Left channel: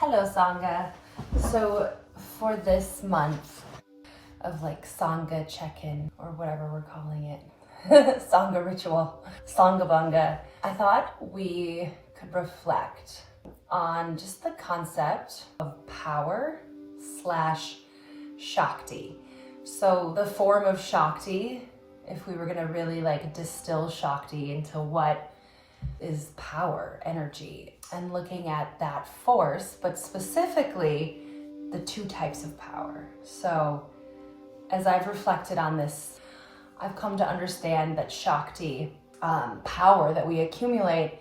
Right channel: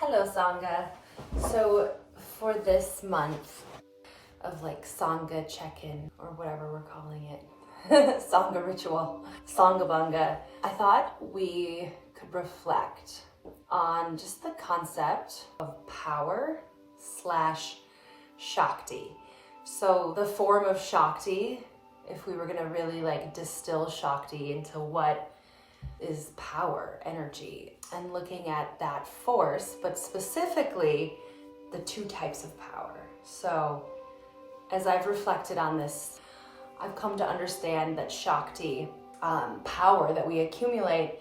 Hello, Sangha. So for this month of like Sangha check-in or whatever we're calling it, Sangha ritual, Sanghabanga, I thought we could reflect on just the concept of power slash Shakti. So the form of Shakti, if we were gonna really like distill Shakti into what is power, energy, and looking at that force, but specifically the two types of power. So as I've reflected on this, I've come to understand that Shakti, power that we accumulate,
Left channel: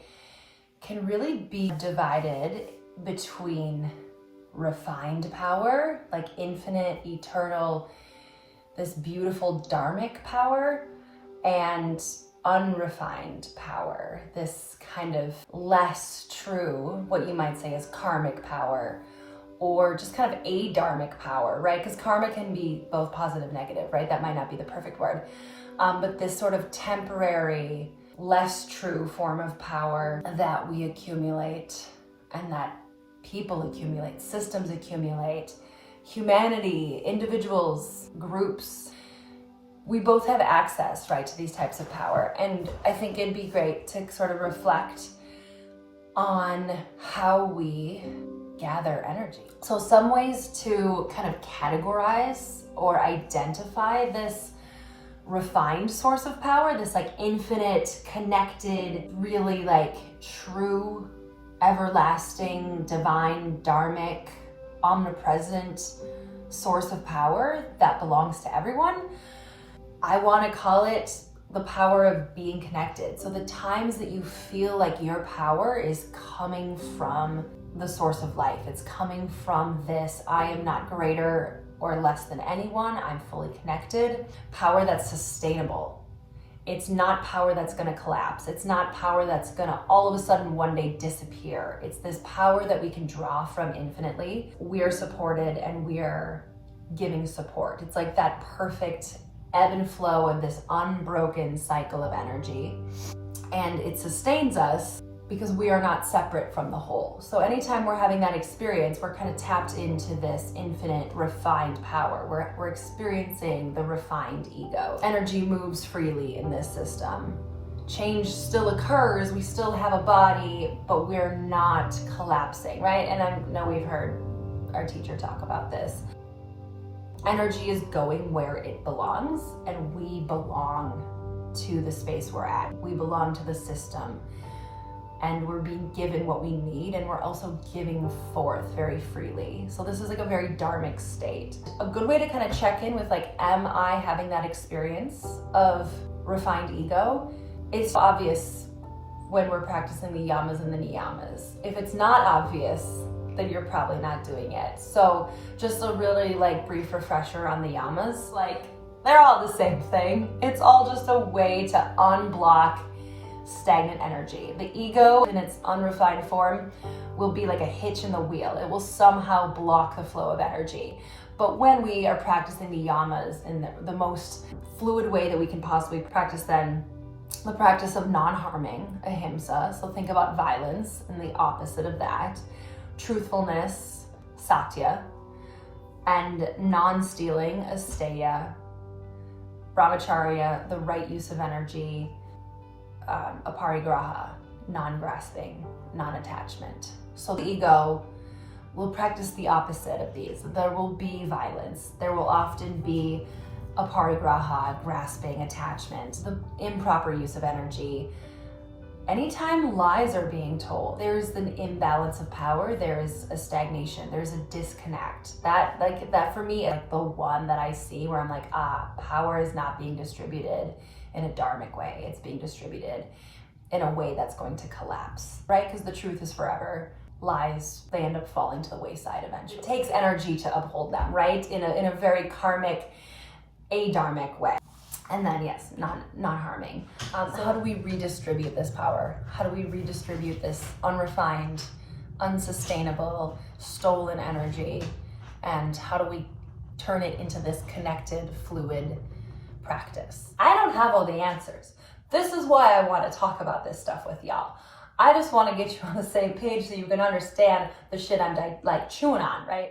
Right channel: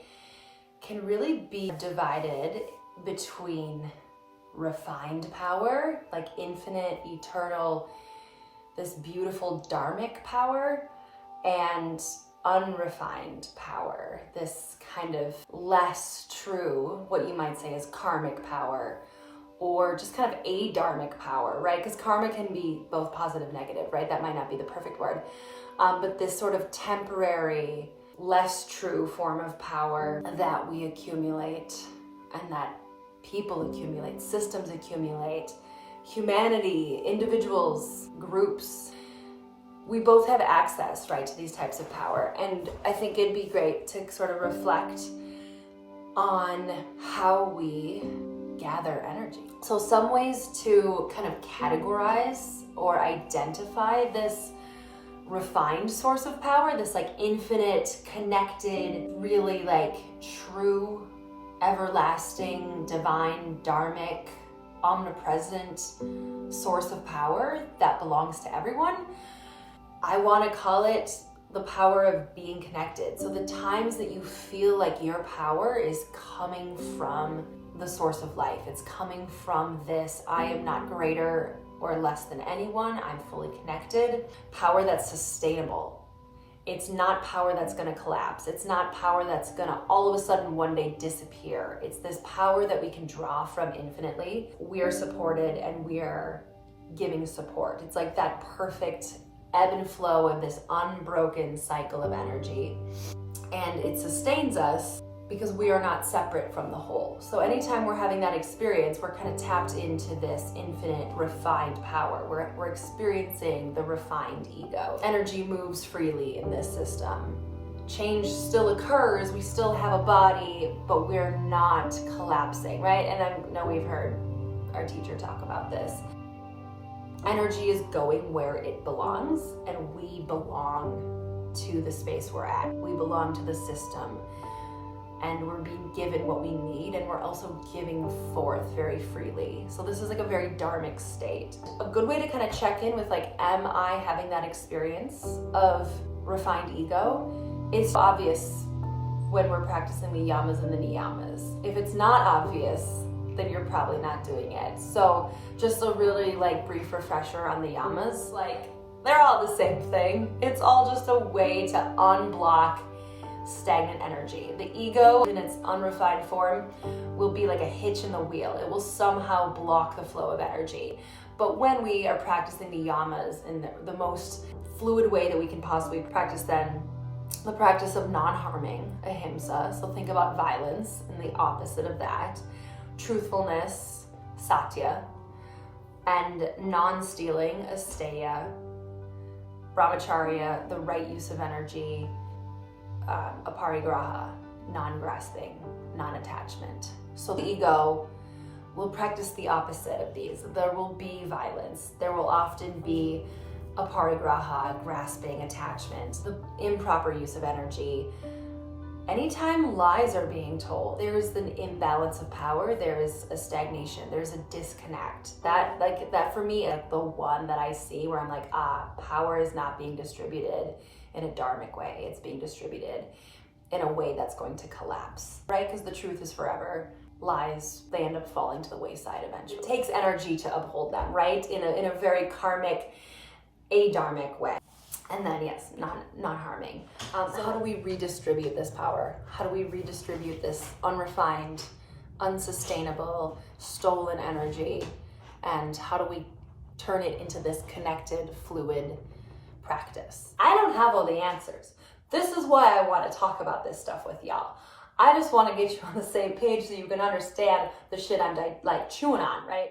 can really be divided between refined power, like infinite, eternal, this beautiful dharmic power, and unrefined power, this kind of less true, what you might say is karmic power, or just kind of adharmic power, right? Because karma can be both positive, negative, right? That might not be the perfect word. But this sort of temporary, less true form of power that we accumulate and that people accumulate, systems accumulate, humanity, individuals, groups, we both have access, right, to these types of power. And I think it'd be great to sort of reflect on how we gather energy. So some ways to kind of categorize or identify this refined source of power, this like infinite, connected, really like true, everlasting, divine, dharmic, omnipresent source of power that belongs to everyone. I want to call it the power of being connected. So the times that you feel like your power is coming from the source of life, it's coming from this, I am not greater or less than anyone, I'm fully connected. Power that's sustainable. It's not power that's going to collapse. It's not power that's going to all of a sudden one day disappear. It's this power that we can draw from infinitely. We're supported and we're giving support. It's like that perfect ebb and flow of this unbroken cycle of energy. And it sustains us because we are not separate from the whole. So anytime we're having that experience, we're kind of tapped into this infinite refined power. We're experiencing the refined ego. Energy moves freely in this system. Change still occurs, we still have a body, but we're not collapsing, right? And I know we've heard our teacher talk about this. Energy is going where it belongs, and we belong to the space we're at. We belong to the system, and we're being given what we need, and we're also giving forth very freely. So this is like a very dharmic state. A good way to kind of check in with like, am I having that experience of refined ego? It's obvious when we're practicing the yamas and the niyamas. If it's not obvious, then you're probably not doing it. So just a really like brief refresher on the yamas, like they're all the same thing. It's all just a way to unblock stagnant energy. The ego in its unrefined form will be like a hitch in the wheel. It will somehow block the flow of energy. But when we are practicing the yamas in the most fluid way that we can possibly practice, then the practice of non-harming, ahimsa. So think about violence and the opposite of that. Truthfulness, satya, and non-stealing, asteya, brahmacharya, the right use of energy, aparigraha, non-grasping, non-attachment. So the ego will practice the opposite of these. There will be violence. There will often be aparigraha, grasping, attachment, the improper use of energy. Anytime lies are being told, there's an imbalance of power, there's a stagnation, there's a disconnect. That for me, like the one that I see where I'm like, power is not being distributed in a dharmic way. It's being distributed in a way that's going to collapse, right? Because the truth is forever. Lies, they end up falling to the wayside eventually. It takes energy to uphold them, right? In a very karmic, adharmic way. And then yes, not harming. So how do we redistribute this power? How do we redistribute this unrefined, unsustainable, stolen energy? And how do we turn it into this connected, fluid practice? I don't have all the answers. This is why I want to talk about this stuff with y'all. I just want to get you on the same page so you can understand the shit I'm like chewing on, right?